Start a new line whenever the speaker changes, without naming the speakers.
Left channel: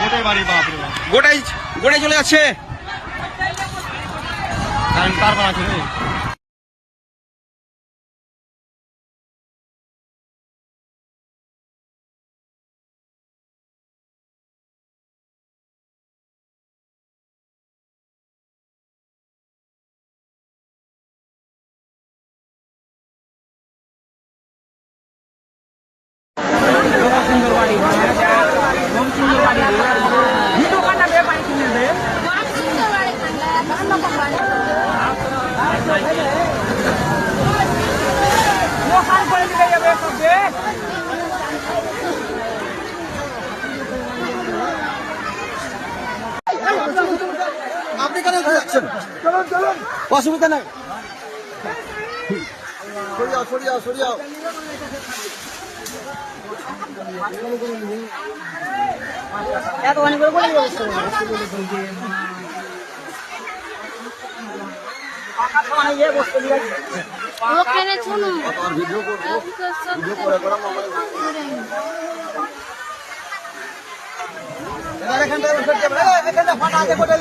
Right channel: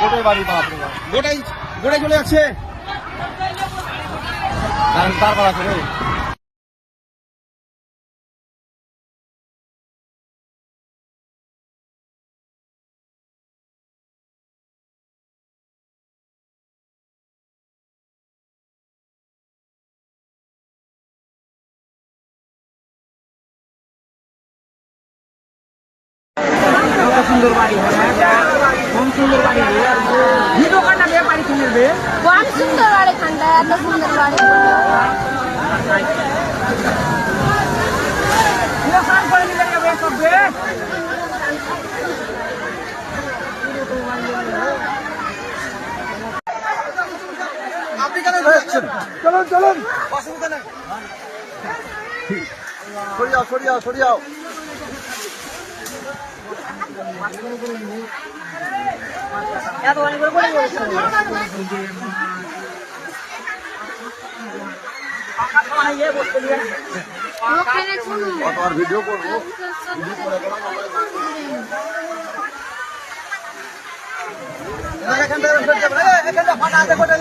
গোটাই বাড়ি
গোটাই গোটাই চলে যাচ্ছে।
সুন্দর বাড়ি। ঠান্ডা এত
আপনি কেন ঘুরছেন? চলুন চলুন সরিয়াও সরিয়াও সরিয়াও ভিডিও করব ভিডিও করে করে এখান থেকে এখান থেকে ফাটা আছে ফাটা